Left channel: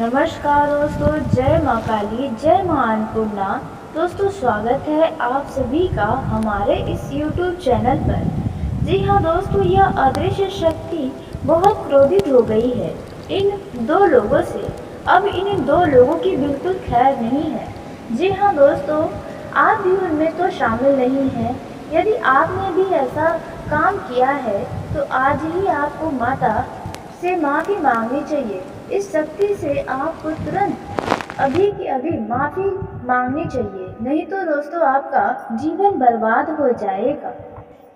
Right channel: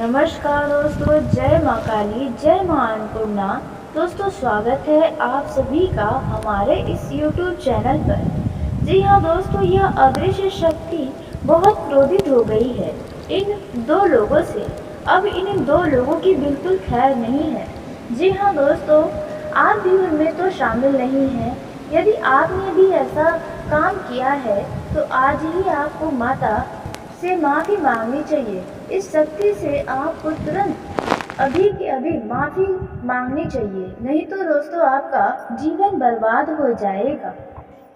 नमस्कार दोस्तों, जय माँ काली, जय माँ अन्नपूर्णा। दोस्तों, स्वागत है आप सभी का हमारे इस YouTube चैनल पर। जी हाँ दोस्तों, यह अदृश्य शक्ति बहुत क्रोधित हो गई है इन दो लोगों से। अब इन दो लोगों की बिल्कुल खैर नहीं है। जी हाँ दोस्तों, आप भी उनमें तो शामिल नहीं हैं। यदि आपने भी ऐसा काम किया है तो आज ही आपको माता से माफ़ी मांगनी चाहिए। इस शक्ति से आपको तुरंत अभी की अभी माफ़ी मांगनी चाहिए, नहीं तो दोस्तों आपका जीवन बर्बाद हो जाएगा।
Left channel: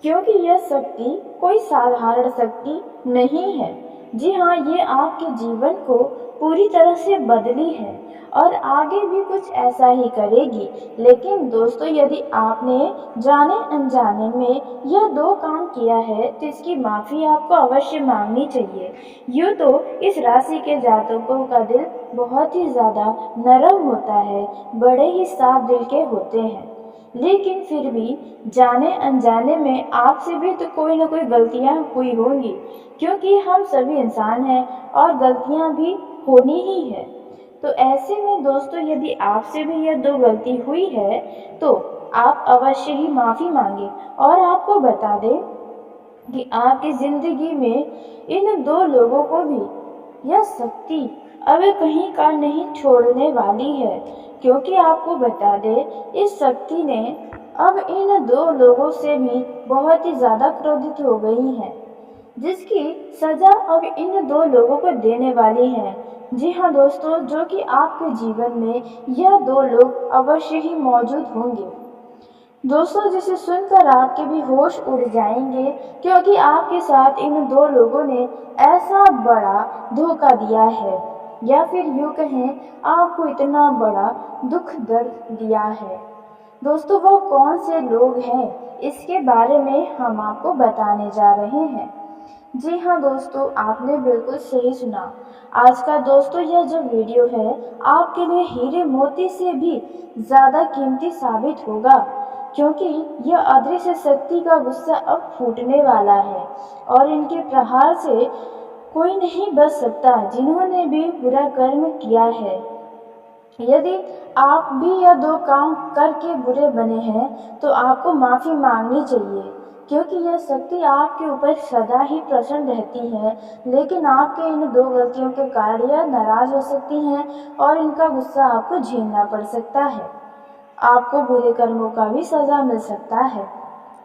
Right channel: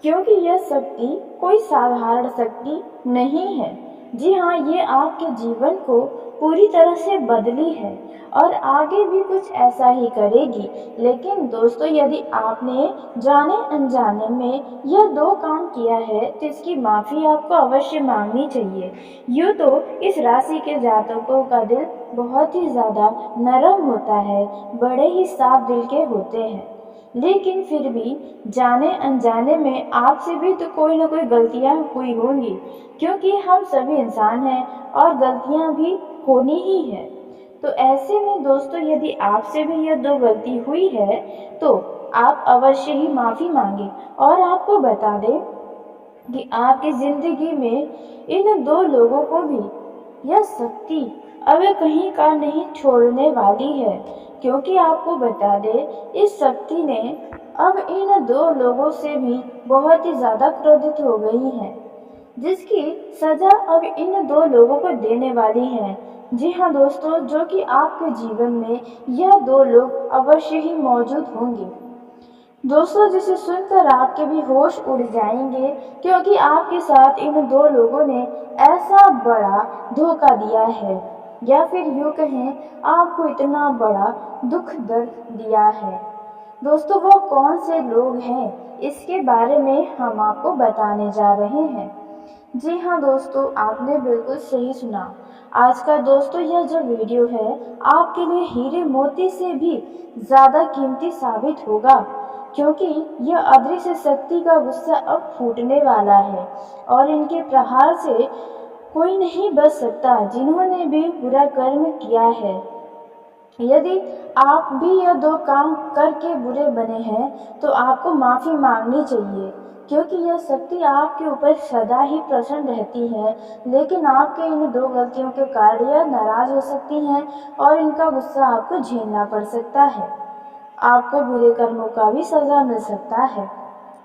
क्योंकि यह शक्ति कोई साधारण शक्ति नहीं है। जी हाँ, ये आपके जीवन को पूरी तरह से बदली है और आगे भी कुछ ऐसा ही करेगी। लेकिन दोस्तों, यदि आपने जाने अनजाने में यह दो काम किया है तो इसकी माफ़ी आपको अवश्य मांगनी चाहिए। यूँ तो इस राशि के जातकों का दिल बहुत ही ज़्यादा नरम होता है, बड़े ही साफ दिल के होते हैं, लेकिन फिर भी जाने अनजाने में आपसे भी तो कोई ना कोई गलतियां हुई होंगी, क्योंकि हम सभी इंसान हैं और गलतियां भी होनी ही है। तो ऐसे में दोस्तों, यदि आपसे भी यह दो गलती हुई है तो आप अवश्य ही माफ़ी मांगे। और आपको बता दें कि आपकी ज़िंदगी में इन दो लोगों को भी यह शक्ति अब कहीं का नहीं छोड़ने वाली है, क्योंकि आपको बता दें इस शक्ति ने अब इन दो लोगों से भी बहुत ही ज़्यादा क्रोधित हो गई है, जिसकी सज़ा अब इन दो लोगों को देने वाली है। जी हाँ दोस्तों, जो कि आपके जीवन में यह दो लोग अवश्य ही मौजूद होंगे। दोस्तों, जिसे सुनकर आपके भी होश उड़ जाएंगे, क्योंकि आपके साथ इन दो लोगों ने ऐसा बड़ा धोखा दिया है, या फिर यूँ कहें आपको इतना बड़ा दुख दर्द दिया है। दोस्तों, वह कौन से लोग हैं इसके बारे में हम आपको बताने जा रहे हैं। जी हाँ दोस्तों, आपने बिल्कुल सही सुना। आज का दोस्तों यह जो वीडियो है आपके लिए हीरे मोती से भी ज़्यादा कीमती साबित होगा, क्योंकि यह अदृश्य शक्ति का गुस्सा अब फूटने वाला है और इनके प्रहार से कोई नहीं बच सकता जिन्होंने भी बुरा कर्म किया है। यदि आप भी यह दो काम करके बुरे बने हैं तो आपको माफ़ी मांगनी चाहिए, क्योंकि यह शक्ति आपके ऊपर सदा ही प्रसन्न रहती है। लेकिन आपके इन दो गलतियों के कारण यह नाराज़ हो सकती हैं और इनका गुस्सा आपको झेलना पड़ सकता है। आपको बुरे कर्मों का भी सज़ा मिल सकता है,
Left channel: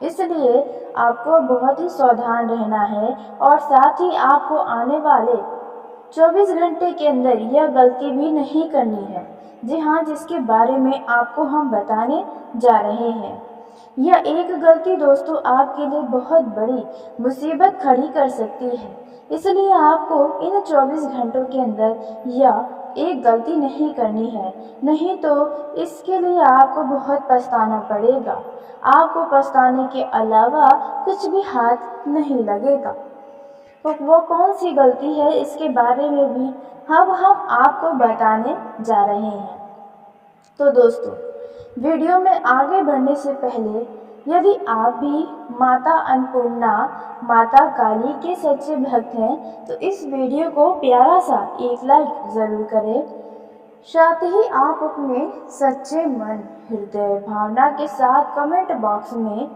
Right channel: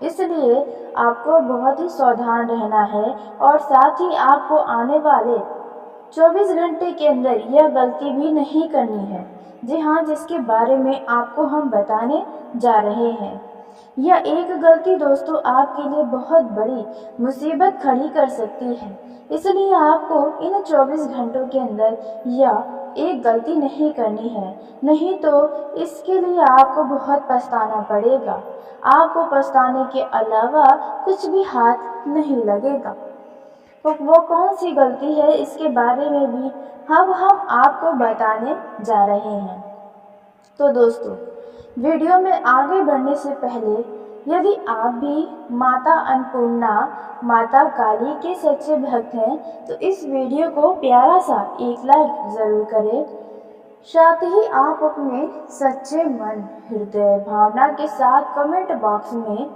इसलिए आपको बहुत ही सावधान रहना है और साथ ही आपको आने वाले 24 घंटे के अंदर यह गलती भी नहीं करनी है। जी हाँ, जिसके बारे में आपको हम बताने जा रहे हैं। यह एक गलती दोस्तों आपके लिए बहुत बड़ी मुसीबत खड़ी कर सकती है, इसलिए आपको इन 24 घंटों के अंदर यह एक गलती नहीं करनी है, नहीं तो इसके लिए आपको बहुत पछताना पड़ेगा। आपको पछताने के अलावा कुछ भी हाथ नहीं लगेगा। तो वो कौन सी गलती है इसके बारे में भी अब हम आपको बताने जा रहे हैं। तो दोस्तों, वीडियो में आगे बढ़ने से पहले यदि आप भी माता अन्नपूर्णा, माता काली के सच्चे भक्त हैं तो इस वीडियो को प्यारा सा एक लाइक ज़रूर करें। साथ ही आप अपने सच्चे मन, हृदय, भावना के साथ कमेंट बॉक्स में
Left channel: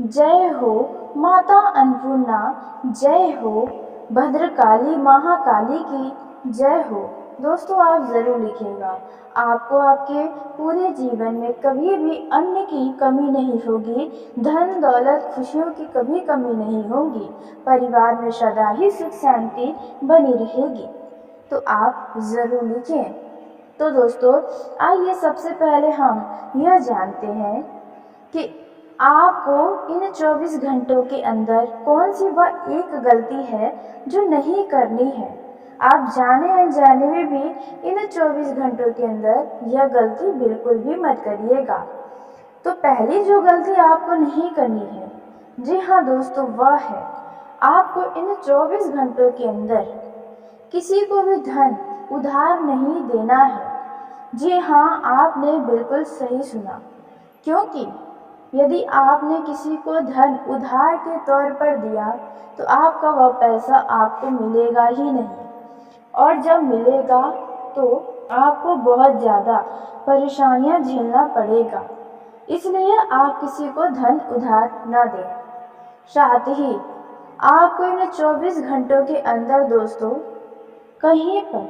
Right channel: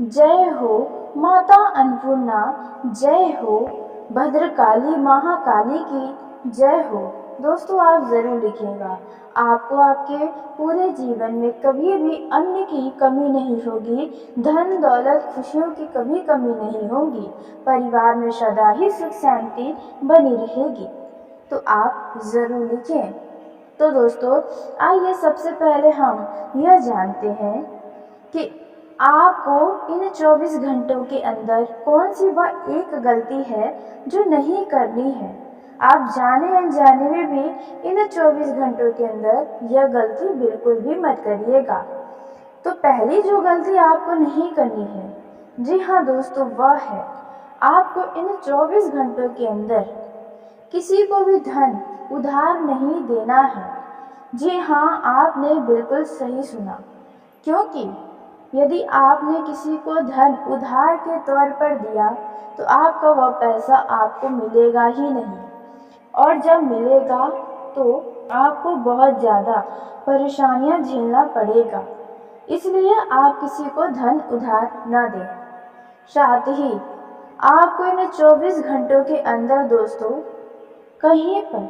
जय हो माता अन्नपूर्णा, जय हो भद्रकाली महाकाली की जय हो दोस्तों आप ज़रूर लिखिएगा। आपको आपके पूरे जीवन में कभी भी अन्न की कमी नहीं होगी, धन दौलत खुशियों की कभी कमी नहीं होगी, परिवार में सदा ही सुख शांति बनी रहेगी। तो आप ज़रूर लिखें। तो दोस्तों, आइए सबसे पहले हम यह जानते हैं कि आपको इन 24 घंटों के अंदर कौन सी वह एक गलती है जो नहीं करनी है। आप जाने अनजाने में भी इन 24 घंटों के अंदर यह गलती बिल्कुल भी मत करिएगा। तो पहली जो गलती आपको नहीं करनी है, जी हाँ दोस्तों, वह है आपको इन 24 घंटों के अंदर किसी को भी धन उधार नहीं देना है। जी हाँ, आपने बिल्कुल सही सुना, क्योंकि यदि आपने किसी को धन उधार के तौर पर दिया तो आपका वह पैसा आपको मिलेगा ही नहीं, और जब मिलेगा तो आपको बहुत ज़्यादा परेशानियां झेलना पड़ेगा। इसलिए आप किसी को धन उधार न दें। साथ ही आपको इन 24 घंटों के अंदर दोस्तों कहीं पर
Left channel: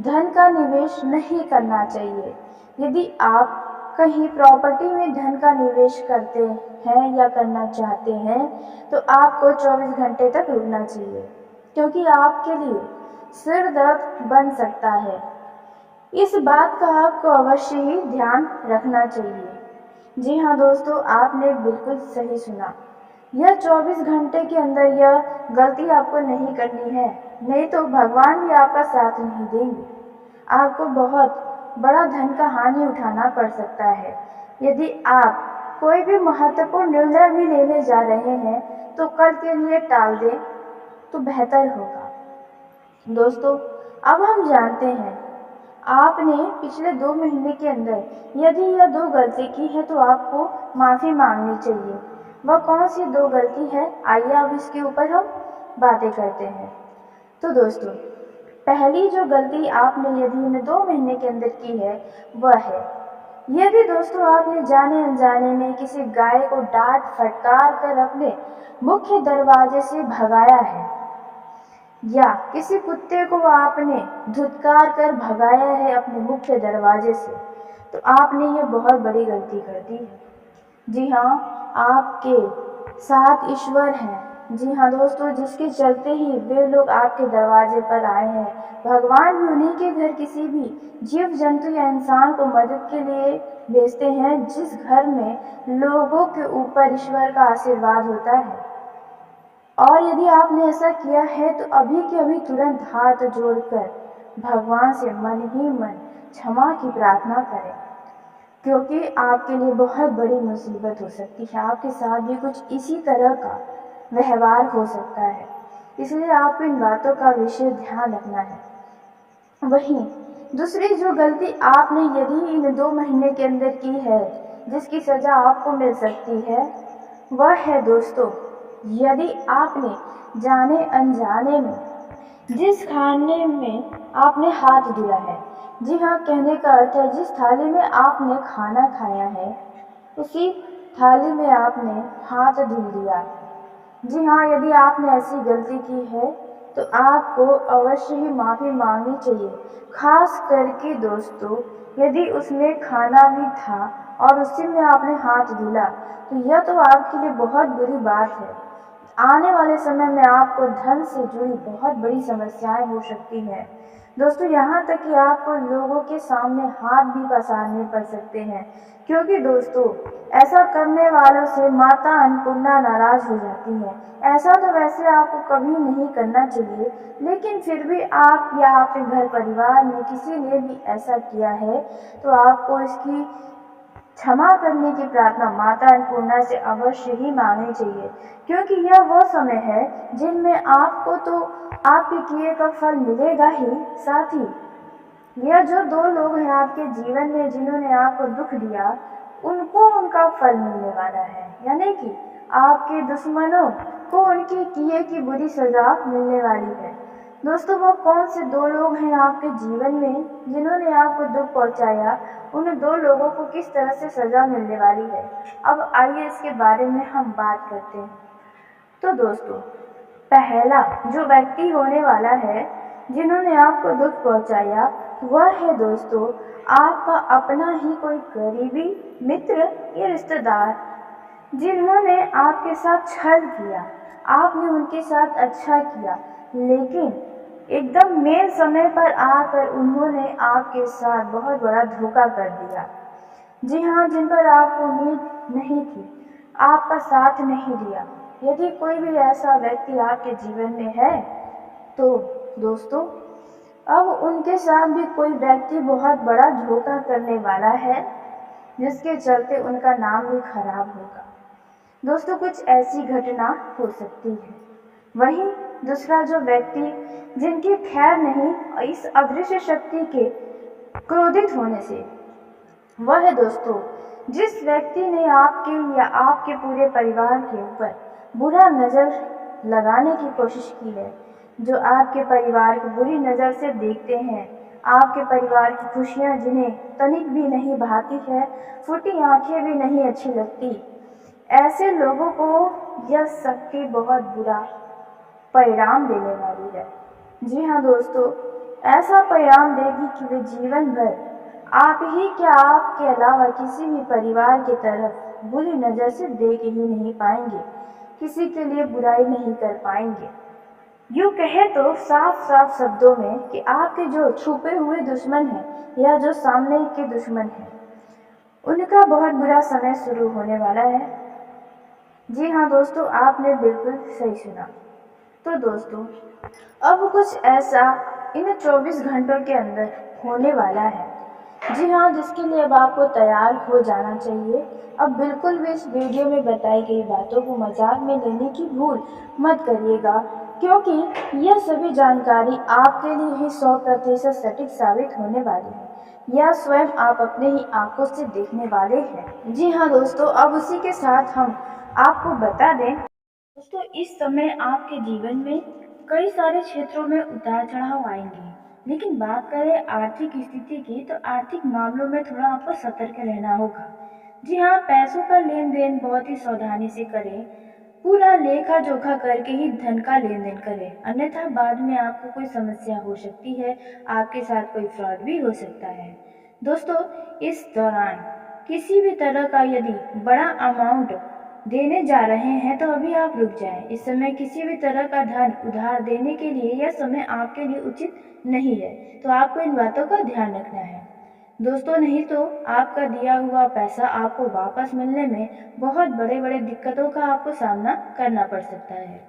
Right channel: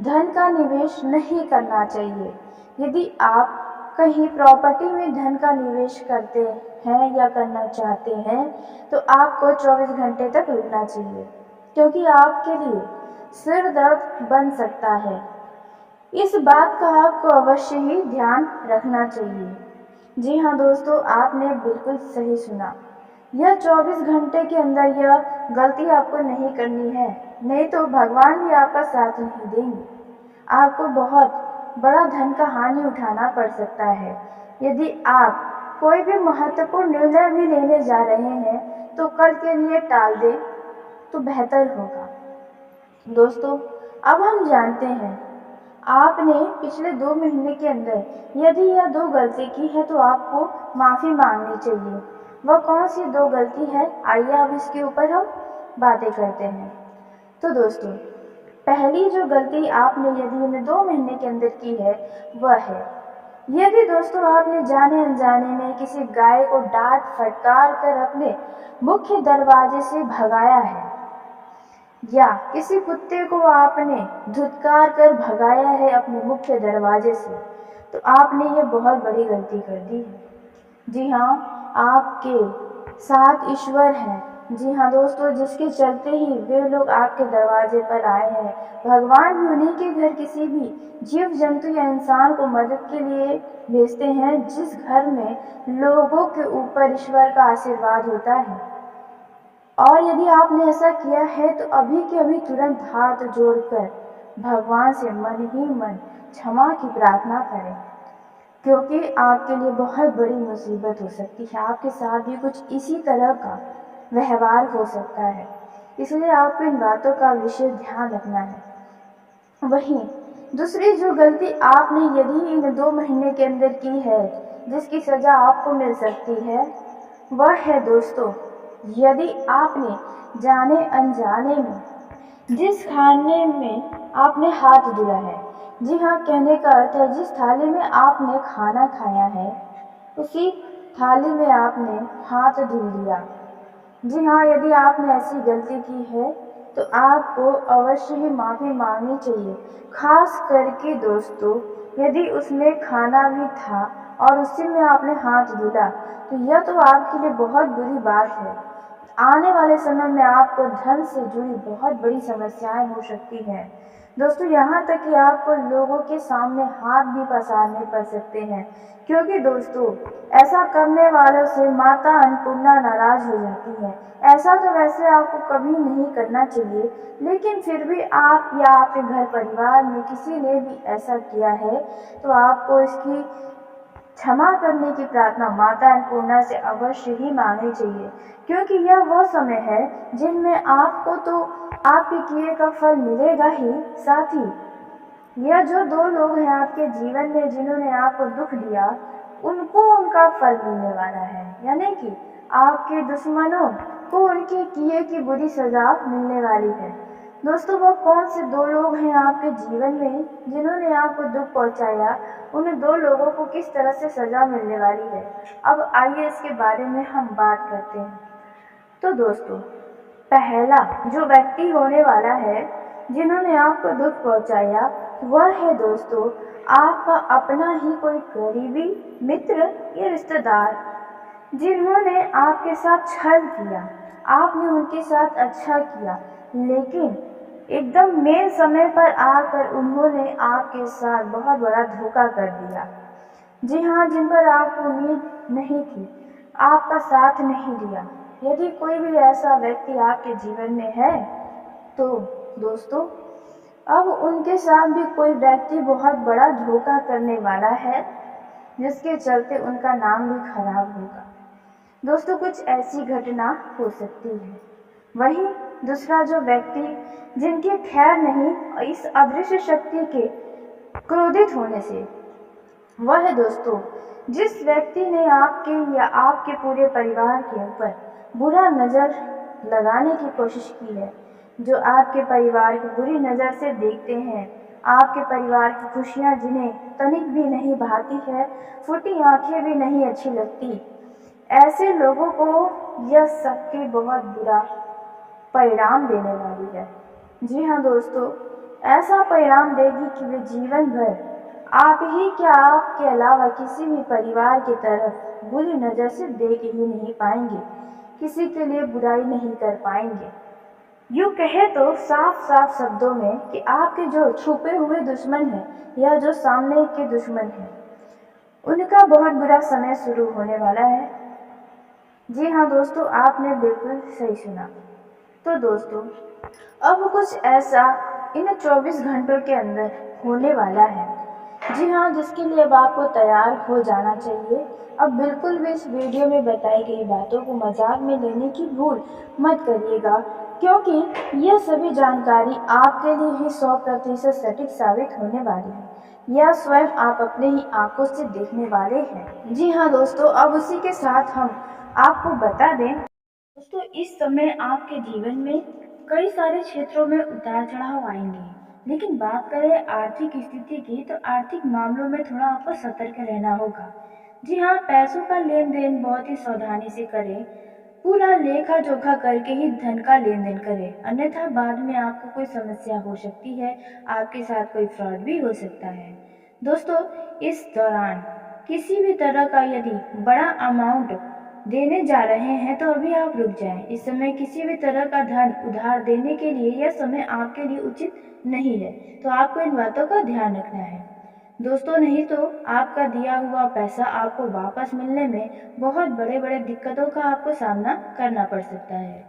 धन का निवेश नहीं करना चाहिए। यदि आप कहीं प्रॉपर्टी में धन का निवेश करते हैं या करना चाहते हैं तो आपको 24 घंटे तक रुकना चाहिए, क्योंकि आपके लिए सिर दर्द बन सकता है। इस बात का आपको अवश्य ही ध्यान रखना चाहिए। जी हाँ दोस्तों, आपने बिल्कुल सही सुना। यह 24 घंटे के अंदर यह गलती आपको नहीं करनी है, नहीं तो भगवान भी आपका साथ नहीं देंगे। आपको बहुत बड़ा धन का हानि उठाना पड़ सकता है। यदि आप कोई भी महत्वपूर्ण निर्णय भी लेने जा रहे हैं तो कल के लिए टाल दें तो बेहतर होगा। दोस्तों, अब हम जानते हैं आपने पिछले 2 महीने के अंदर यदि यह 2 गलती की है तो आपको माफ़ी मांगनी चाहिए। वह कौन सी 2 गलती है, आइए अब इसके ऊपर हम बातें करते हैं। तो दोस्तों, पहली जो गलती आपने यदि इन 2 महीने के अंदर की है वह है, यदि दोस्तों आपने जाने अनजाने में किसी गाय को डांट फटकार कर अपने मुख्य दरवाजे से भगाया है, या किसी कुत्ते को आपने धुतकार कर भगाया है अपने मुख्य दरवाजे से, तो आपने ये बहुत बड़ी गलती कर दी है। जी हाँ, आपके साथ ईश्वर हैं। जी हाँ दोस्तों, जिसके चलते ही वे लोग आपके दरवाजे पर आए हैं। भगवान भी उन्हीं के घर किसी भी जीव जंतु या इंसान को मदद के लिए भेजते हैं जिस घर में लोगों के ऊपर ईश्वर का आशीर्वाद होता है। और यदि आपने ऐसा किया है तो अभी के अभी तुरंत हाथ जोड़कर भगवान से मन ही मन क्षमा की प्रार्थना करें, क्योंकि आपके लिए बहुत बड़ी मुसीबत हो सकती है। आपके साथ भी कुछ इसी तरह का व्यवहार हो सकता है, इसलिए आपको इन बातों का विशेष ध्यान रखना है। वहीं दूसरी जो गलती आपने यदि इन 2 महीने के अंदर की है जिसकी सज़ा आपको मिल सकती है, वह है दोस्तों, यदि आपने जाने अनजाने में जिस खाने में आपने हाथ धुला है, जी हाँ, कहने का अर्थ है जिस थाली में आपने खाना खाया है उसी थाली में आपने हाथ धुल दिया। जी हाँ, यदि आपने ऐसी गलती की है तो आपको अवश्य ही माफ़ी मांगनी चाहिए। खास करके दोस्तों, यदि उसमें खाना भी था और उसी में आपने हाथ धुला तो यह तो आपके लिए बहुत बुरी बात है। आने वाले समय में आपको धन से जुड़ी बहुत बड़ी समस्याएं हो सकती हैं दोस्तों, यहाँ तक कि आपको लोगों के सामने हाथ भी पसारने पड़ सकते हैं, क्योंकि दोस्तों ऐसा करने वालों से माता अन्नपूर्णा नाराज हो जाती है। ऐसा तो वैसे आपको कभी नहीं करना चाहिए, लेकिन फिर भी आप या आपके घर परिवार में किसी ने भी ऐसा किया है तो आपको इसकी क्षमा करने की प्रार्थना माता अन्नपूर्णा से अवश्य ही मांगनी चाहिए, क्योंकि यह वो समय है जिनमें आपको तो आपके किए का फल मिलेगा ही, साथ ही यह जो 2 लोग हैं आपके जीवन में जिन्होंने आपको दुख दिया उनको उनका फल मिलने वाला है, यानी कि आपके दुश्मनों को उनके किए की बुरी सज़ा मिलने वाली है। दोस्तों, वो कौन से 2 लोग हैं आपके जीवन में जिन्होंने आपको दुख पहुंचाया, उन 2 लोगों को किस तरह से सज़ा मिलने वाली है, अब आइए इसके बारे में हम बात करते हैं। तो दोस्तों, पहला जो व्यक्ति होने वाला है जिन्होंने आपको दुख पहुंचाया वह है दोस्तों आपका अपना ही कोई करीबी मित्र या रिश्तेदार, जिन्होंने आपके साथ छल किया। आपने उनके साथ अच्छा किया, लेकिन एकदम मेन समय पर आकर उन्होंने आपके साथ बहुत बड़ा धोखा कर दिया। जी हाँ, जिन पर आपको उम्मीद नहीं थी, आपका साथ नहीं दिया। यदि कोई भी ऐसा व्यक्ति आपके जीवन में है तो दोस्तों अब उनके साथ भी कोई व्यक्ति बहुत बड़ा धोखा करने वाला है, जिसके चलते उनका नाम भी खराब होगा। दोस्तों, कुछ ऐसी घटना हो सकती है। वहीं दूसरा जो व्यक्ति जिनकी खैर नहीं इस अदृश्य शक्ति के क्रोधित होने से, वह है दोस्तों जिस व्यक्ति ने आपके या आपके पूरे परिवार के ऊपर बुरा नज़र लगाने की कोशिश की है, जो आपके परिवार को बुरी नज़र से देखते हैं, आपके परिवार की खुशियाँ जिन्हें तनिक भी नहीं भाती है, फूटी आंखें भी नहीं अच्छी लगती, ऐसे लोगों को यह शक्ति बहुत बुरा परिणाम देने वाली है। जी हाँ दोस्तों, ऐसा परिणाम देगी कि वे जीवन भर आप ही क्या, आपके अलावा किसी भी परिवार की तरफ बुरी नज़र से देख ही नहीं पाएंगे, किसी के लिए बुराई नहीं कर पाएंगे। यूँ कहे तो साफ साफ शब्दों में कि आपके जो छुपे हुए दुश्मन हैं या जो सामने के दुश्मन हैं, उनका बहुत बुरा समय शुरू होने वाला है। जी हाँ दोस्तों, आपने बिल्कुल सही सुना। तो दोस्तों, अब कुछ ऐसा इन 24 घंटों के अंदर होने वाला है, जी हाँ, जिसके लिए अब आपको तैयार हो जाना चाहिए। अब बिल्कुल भी इस वीडियो में बताई गई बातों को मजाक में लेने की भूल मत करिएगा, क्योंकि यह सभी जानकारी आपके लिए ही 100% सटीक साबित होने वाली है। यह स्वयं आप अपने ही आंखों से देखने वाले हैं। जी हाँ दोस्तों, अब उसी के साथ हम आपको बता दें दोस्तों, इस समय आपके जीवन में कई सारे क्षेत्रों में उतार चढ़ाव आएंगे, लेकिन बात करें आर्थिक स्थिति की, तो आर्थिक मामलों में थोड़ा आपको सतर्क रहना होगा। जी हाँ, पैसों का लेन देन बहुत ही सावधानी से करें, पूरा लेखा जोखा करके ही धन का लेन देन करें, अन्यथा बाद में आपको कोई समस्या हो सकती है, आपके साथ कोई फ्रॉड भी हो सकता है। दोस्तों, इस दौरान किसी भी तरह का यदि बड़ा अमाउंट देने जा रहे हैं तो अभी आप रुक जाएं। इस समय किसी भी तरह का धन उधार देने के लिए यह समय आपके लिए उचित नहीं है, तो आपको इन बातों का ध्यान रखना है दोस्तों, नहीं तो आपका दिया हुआ पैसा आपको वापस मिलने में बहुत बड़े बड़े दिक्कतों का आपको सामना करना पड़ सकता है।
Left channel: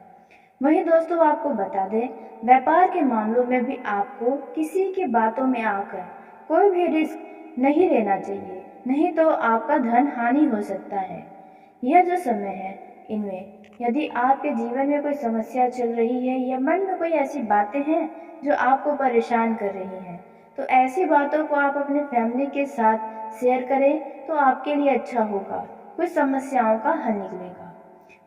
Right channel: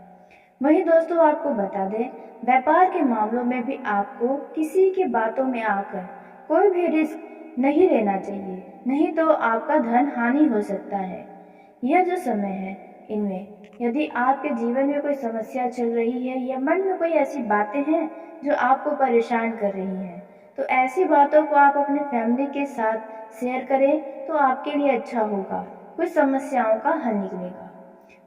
वहीं दोस्तों, आपको बता दें, व्यापार के मामलों में भी आपको किसी की बातों में आकर कोई भी रिस्क नहीं लेना चाहिए, नहीं तो आपका धन हानि हो सकता है। यह जो समय है, इनमें यदि आपके जीवन में कोई समस्या चल रही है या मन में कोई ऐसी बातें हैं जो आपको परेशान कर रही हैं, तो ऐसी बातों को आप अपने फैमिली के साथ शेयर करें तो आपके लिए अच्छा होगा, कुछ समस्याओं का हल निकलेगा।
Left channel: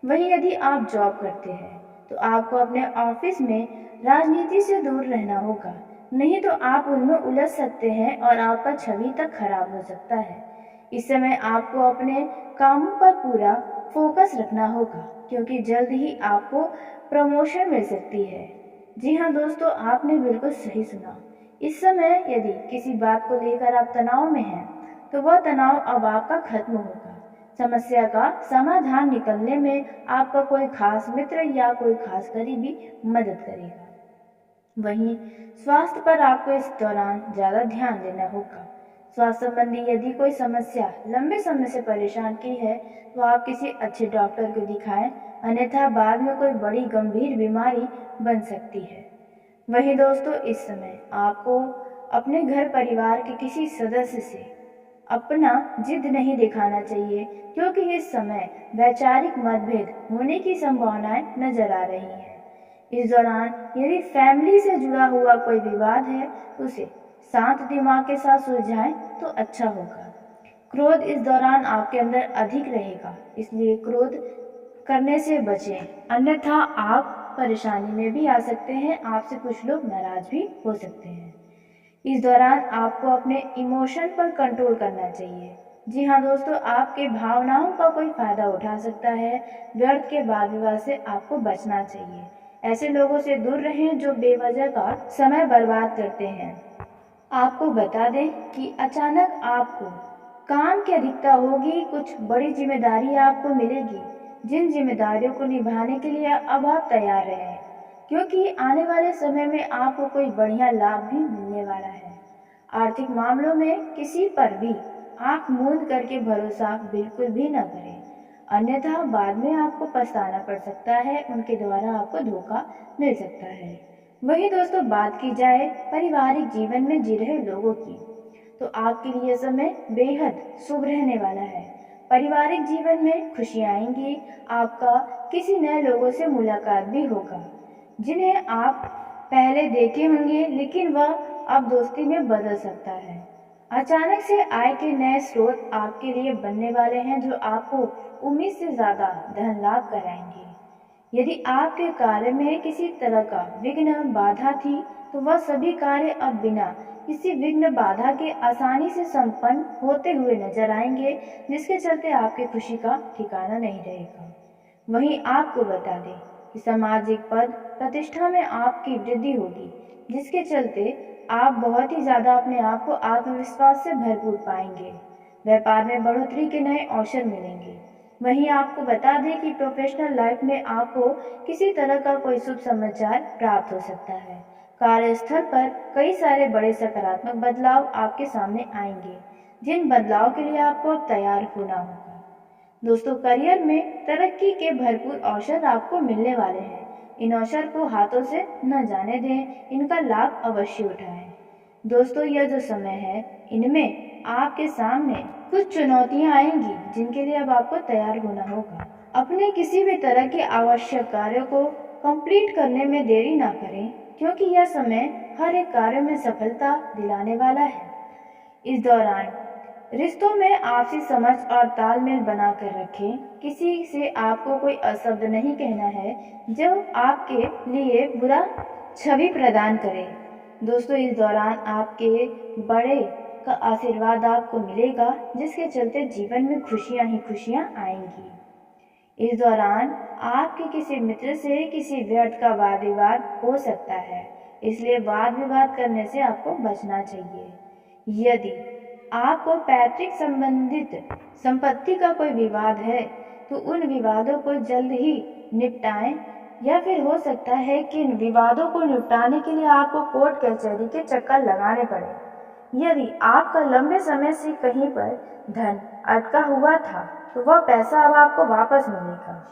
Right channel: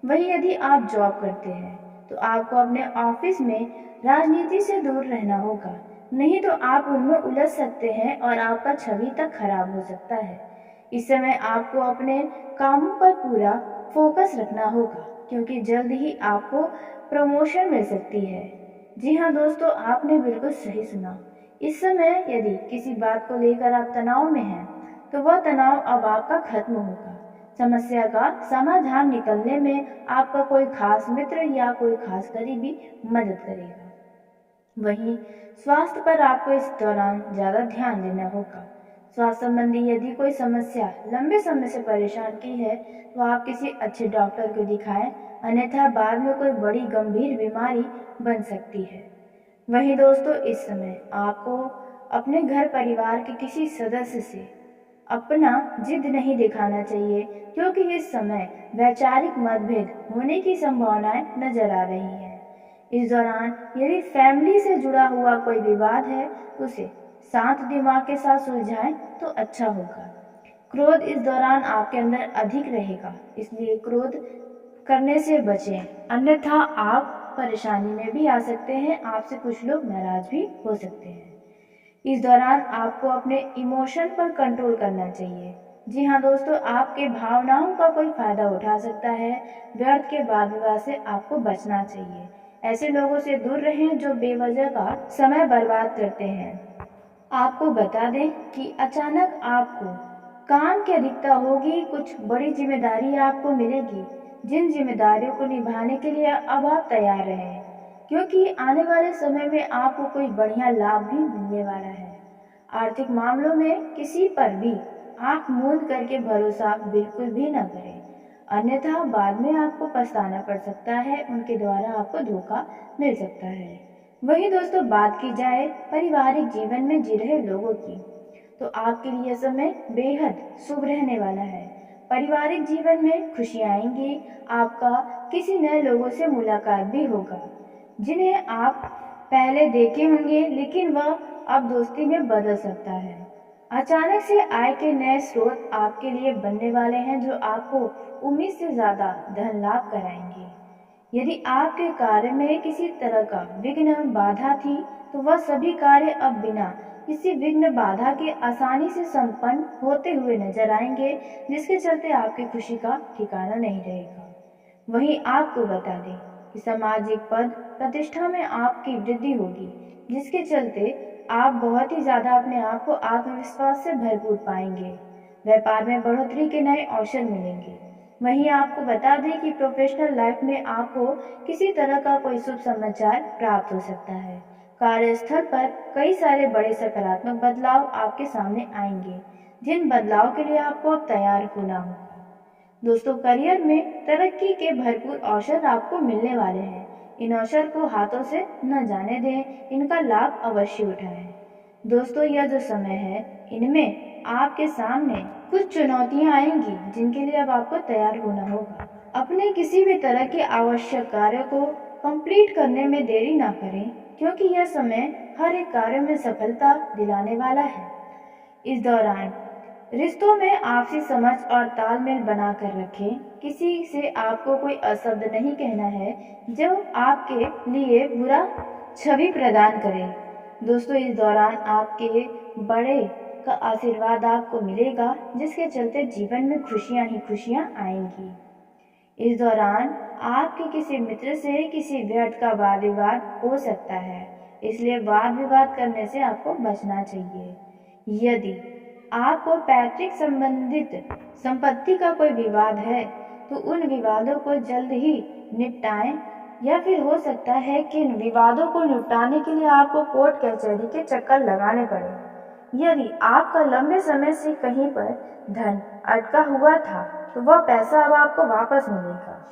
वहीं यदि आप जॉब करते हैं तो आपको अपने ऑफिस में राजनीति से दूर रहना होगा, नहीं तो आप उनमें उलझ सकते हैं और आपका छवि तक खराब हो सकता है। इस समय आपको अपने कामों पर पूरा फोकस रखना होगा, क्योंकि जल्द ही आपको प्रमोशन मिल सकती है। जी हाँ दोस्तों, आपने बिल्कुल सही सुना। इस समय यदि किसी बात को लेकर आप तनाव में हैं तो वह तनाव अब आपका खत्म होगा। समस्या का समाधान निकलने में आपका कोई खास मित्र या कोई खास करीबी मदद करेगा। वहीं स्वास्थ्य पर आपको इस दौरान ज़्यादा ध्यान देना होगा। स्वास्थ्य संबंधी यदि कोई समस्या लंबे समय से परेशान की है तो आप किसी अच्छे डॉक्टर को दिखाएं, अन्यथा बाद में कोई बड़ी गंभीर बीमारी बन सकती है। वहीं दोस्तों, इस समय आपको अपने घर परिवार के किसी सदस्य से अपना जिद नहीं दिखाना चाहिए, क्योंकि इस समय वैचारिक मतभेद होने की संभावनाएं नजर आ रही हैं। इस दौरान यदि फैमिली से जुड़ा हुआ कोई विवाद है, उसे शांत दिमाग के साथ सुलझाएं तो अच्छा होगा। क्रोध इस दौरान आपके अंदर अधिक रहेगा, इसलिए क्रोध करने से बचें, अन्यथा आप परेशानी में भी आ सकते हैं, आपसे कुछ लोग नाराज भी हो सकते हैं। इस दौरान आपको अपने इमोशन पर कंट्रोल करना चाहिए। जी हाँ दोस्तों, आपके भावनाओं का कोई फायदा उठा सकता है, व्यर्थ के वाद विवाद से आपको बचना चाहिए। ऐसे लोगों से दूर रहें जो बेवजह का समय बर्बाद करते हैं। आपको बता दें कि अचानक आपको काम की अधिकता होगी, कुछ बड़ी जिम्मेदारी आपको मिलेगी, जिन जिम्मेदारियों को निभाने के लिए अब आप तैयार रहें, क्योंकि आने वाले समय में आपको कोई बढ़िया लाभ भी मिलने वाला है। आर्थिक मामलों में किसी पर भी आंख मूंद करके भरोसा बिल्कुल भी न करें, अन्यथा बाद में आपको पछताना पड़ सकता है, उनके द्वारा आपको धोखा मिल सकता है। वहीं दोस्तों, बात की जाए पारिवारिक जीवन में जी रहे लोगों की, तो आपके लिए समय बेहद शुभ रहने वाला है। पारिवारिक जीवन में खुशियाँ आएंगी, आपका किसी नए लोगों से मुलाकात भी होगा, जिन्हें आप पहले देखे होंगे, लेकिन वह अब दोस्ती में बदल सकता है। अचानक से आय के नए स्रोत आपके लिए बनने वाले हैं, जो आपको उम्मीद से ज़्यादा धन लाभ कराएंगे। यदि आपके कार्य में किसी तरह का विघ्न बाधा थी, तो वह सभी कार्य अब बिना किसी विघ्न बाधा के आसानी से संपन्न होते हुए नजर आएंगे, जिसके चलते आपकी खुशी का ठिकाना नहीं रहेगा। वहीं आपको बता दें कि सामाजिक पद प्रतिष्ठा में आपकी वृद्धि होगी, जिसके चलते आप बहुत ही ज़्यादा अपने आप को आत्मविश्वास से भरपूर पाएंगे। व्यापार में बढ़ोतरी के नए अवसर मिलेंगे। वहीं आपको बता दें कि प्रोफेशनल लाइफ में आपको किसी तरह का कोई शुभ समाचार प्राप्त हो सकता है। कार्यस्थल पर कई सारे बड़े सकारात्मक बदलाव आपके सामने आएंगे, जिन बदलाव के लिए आपको अब तैयार होना होगा। दोस्तों, करियर में तरक्की के भरपूर अवसर आपको मिलने वाले हैं। इन अवसर को हाथों से न जाने दें, इनका लाभ अवश्य उठाएं। दोस्तों, यह जो समय है, इनमें आपके सामने कुछ चुनौतियां आएंगी, जिनके लिए अब आपको तैयार होना होगा। अपने किसी भी तरह के आवश्यक कार्यों को कंप्लीट करने में देरी ना करें, क्योंकि यह समय हर एक कार्य में सफलता दिलाने वाला है। इस दौरान रिश्तों में आपसी समझ और तालमेल बनाकर रखें। किसी से आपको कोई अशब्द नहीं कहना है जो आपके लिए बुरा छवि प्रदान करे। दोस्तों, इस दौरान आपके बड़े का आशीर्वाद आपको मिलेगा, जिसके चलते जीवन में खुशियां ही खुशियां आएंगी। इस दौरान आपके किसी मित्र से किसी व्यर्थ का वाद विवाद हो सकता है, इसलिए वाद विवाद करने से आपको बचना चाहिए। यदि आपको पैतृक संबंधित संपत्ति का कोई विवाद है तो उन विवादों को जल्द ही निपटाएं, या फिर हो सकता है कि इन विवादों को निपटाने के लिए आपको कोर्ट कचहरी के चक्कर लगाने पड़े। यदि आपका लंबे समय से कहीं पर धन अटका हुआ था तो वह पैसा अब आपको वापस मिलेगा।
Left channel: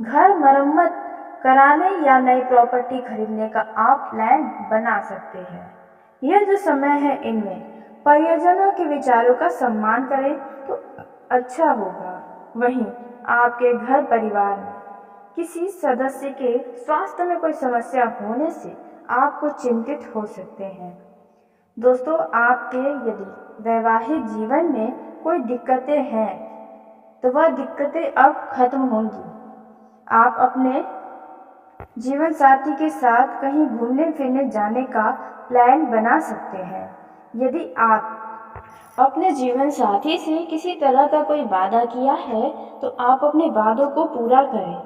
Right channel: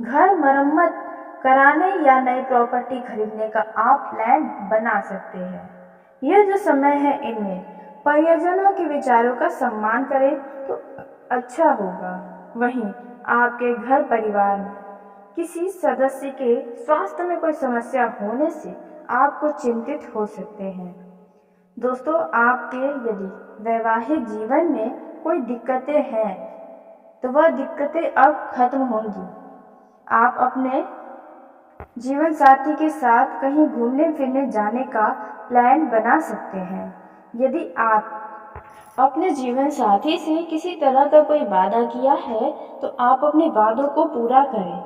घर मरम्मत कराने या नई प्रॉपर्टी खरीदने का आप प्लान बना सकते हैं। यह जो समय है, इनमें परिजनों के विचारों का सम्मान करें तो अच्छा होगा। वहीं आपके घर परिवार में किसी सदस्य के स्वास्थ्य में कोई समस्या होने से आपको चिंतित हो सकते हैं। दोस्तों, आपके यदि वैवाहिक जीवन में कोई दिक्कतें हैं तो वह दिक्कतें अब खत्म होंगी। आप अपने जीवन साथी के साथ कहीं घूमने फिरने जाने का प्लान बना सकते हैं। यदि आप अपने जीवन साथी से किसी तरह का कोई वादा किया है तो आप अपने वादों को पूरा करें।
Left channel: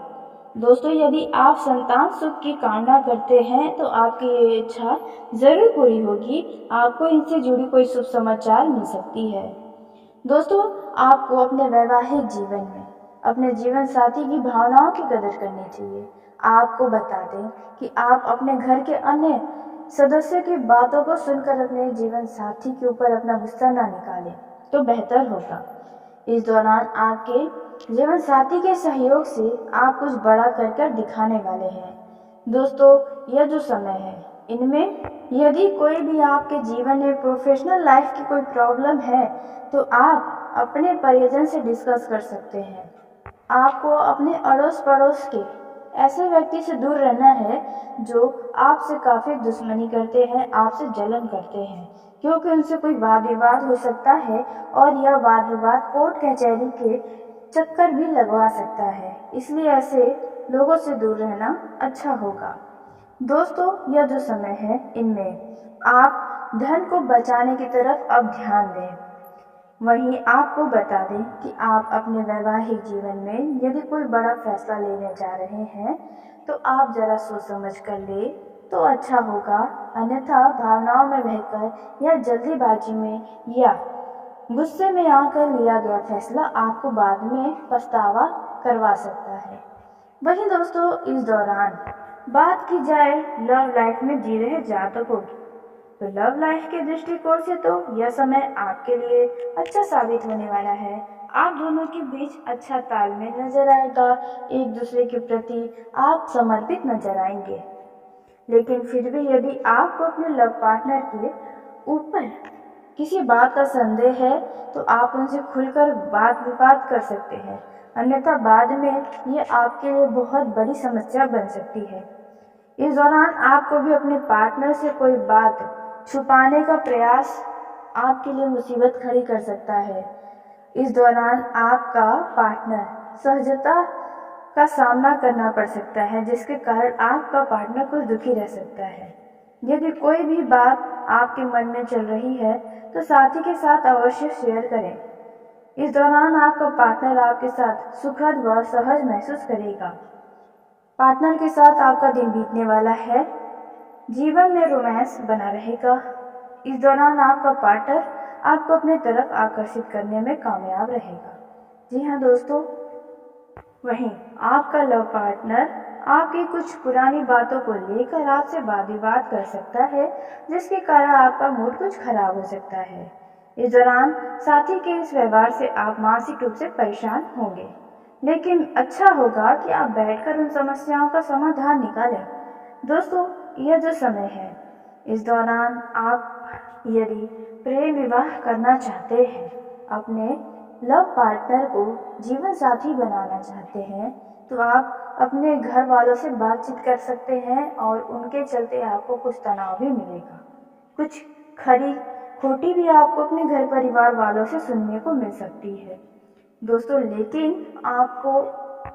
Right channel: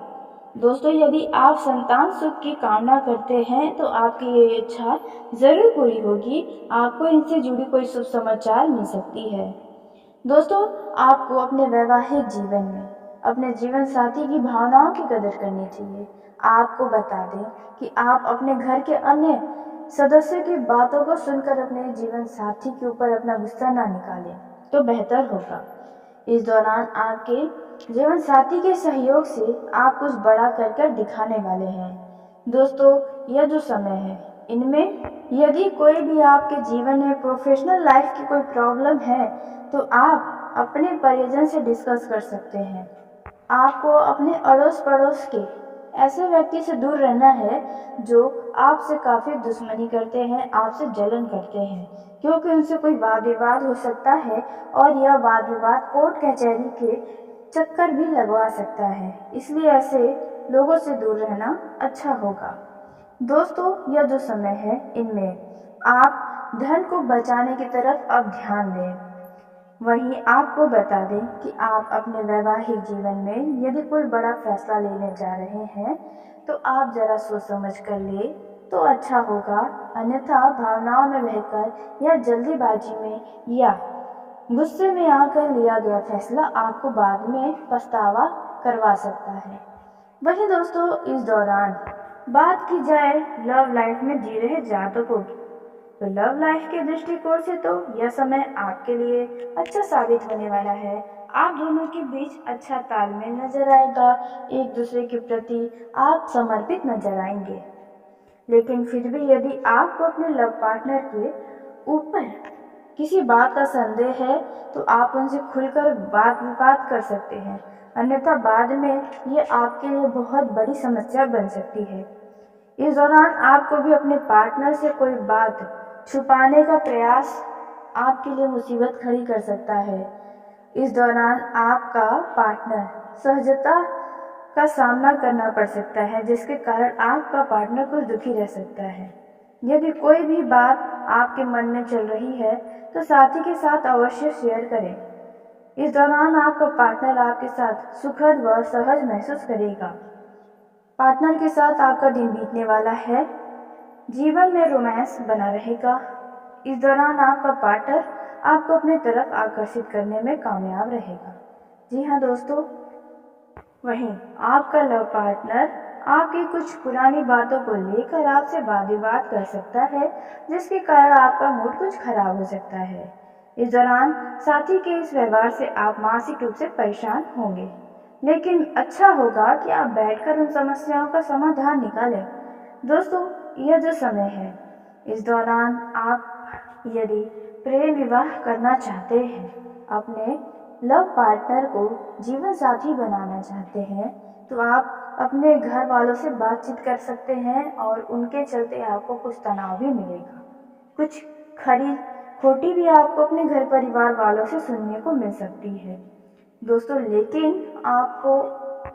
दोस्तों, यदि आप संतान सुख की कामना करते हैं तो आपकी ये इच्छा ज़रूर पूरी होगी। आपको इनसे जुड़ी कोई शुभ समाचार मिल सकती है। दोस्तों, आपको अपने वैवाहिक जीवन में अपने जीवन साथी की भावनाओं की कदर करनी चाहिए। आपको बता दें कि आप अपने घर के अन्य सदस्यों की बातों को सुनकर अपने जीवन साथी के ऊपर अपना गुस्सा ना निकालें तो बेहतर होगा। इस दौरान आपके जीवन साथी के सहयोग से आप कुछ बड़ा कर दिखाने वाले हैं। दोस्तों, यह जो समय है, इनमें यदि कोई भी आपके जीवन में प्रोफेशनल लाइफ की कोई प्रॉब्लम है तो आप अपने परिजन से डिस्कस कर सकते हैं। आपको अपने अड़ोस पड़ोस के ऐसे व्यक्ति से दूर रहना है जो आपसे काफ़ी दुश्मनी करते हैं, आपसे जलन करते हैं, क्योंकि उनसे कोई वाद विवाद हो सकता है और यह वाद विवाद कोर्ट कचहरी के चक्कर भी लगवा सकता है। इसलिए ऐसे लोगों से दूर रहना अच्छा होगा। दोस्तों, यह जो समय है, इनमें आप धन को बचाने की तरफ अब ध्यान दें। वहीं आपको बता दें कि आप अपने वैवाहिक जीवन में यदि कोई बड़ा फैसला लेने जा रहे हैं तो आप ज़रा सोच समझ कर ले तो अच्छा होगा, अन्यथा भावनाओं में बहकर या जल्दीबाजी में या गुस्से में आकर लिया गया फैसला आपको बाद में पछतावा करवा सकता है। वहीं दोस्तों, इस दौरान बात की जाए लव लाइफ में जी रहे जातकों की, तो लव लाइफ के दृष्टिकोण से तो यह समय आपके लिए अच्छा साबित होने वाला है। आप दोनों के बीच अच्छा तालमेल नजर आएगा, एक दूसरे के प्रति आप समर्पित नजर आएंगे। लेकिन फिर भी यदि आपको अपने लव पार्टनर के ऊपर किसी बात का संदेह है तो आप उनसे खुलकर बात विवाद कर सकते हैं, अन्यथा बाद में ये आपके लिए बहुत बड़ी समस्या बन सकती है। इस दौरान आपको भी अपने पार्टनर से कोई बात छुपाने का प्रयास आपके लिए मुसीबत खड़ी कर सकता है। इस दौरान आपका पार्टनर सहजता का सामना करना पड़ सकता है, जिसके कारण आपका पार्टनर कुछ दुखी रह सकता है। यदि कोई भी बात आपके मन में चल रही है तो साथी के साथ अवश्य शेयर करें। इस दौरान आपका पार्टनर आपके साथ सुखद व सहज महसूस करेगा। पार्टनर के साथ आपका दिन बीतने वाला है। जीवन में रोमांस बना रहेगा। इस दौरान आपका पार्टनर आपको अपनी तरफ आकर्षित करने में कामयाब रहेगा। जी हाँ दोस्तों, वहीं आपका लव पार्टनर आपकी कुछ पुरानी बातों को लेकर आपसे वाद विवाद कर सकता है, जिसके कारण आपका मूड कुछ खराब हो सकता है। इस दौरान साथी के इस व्यवहार से आप मानसिक रूप से परेशान होंगे, लेकिन अच्छा होगा कि आप बैठकर उन समस्याओं का समाधान निकालें। दोस्तों, यह जो समय है, इस दौरान आप यदि प्रेम विवाह करना चाहते हैं, अपने लव पार्टनर को जीवन साथी बनाना चाहते हैं, तो आप अपने घर वालों से बातचीत कर सकते हैं और उनके चलते आपको कुछ तनाव भी मिलेगा। कुछ खरी खोटी भी आपको अपने घर परिवार वालों से सुनने को मिल सकती है दोस्तों। लेकिन आपको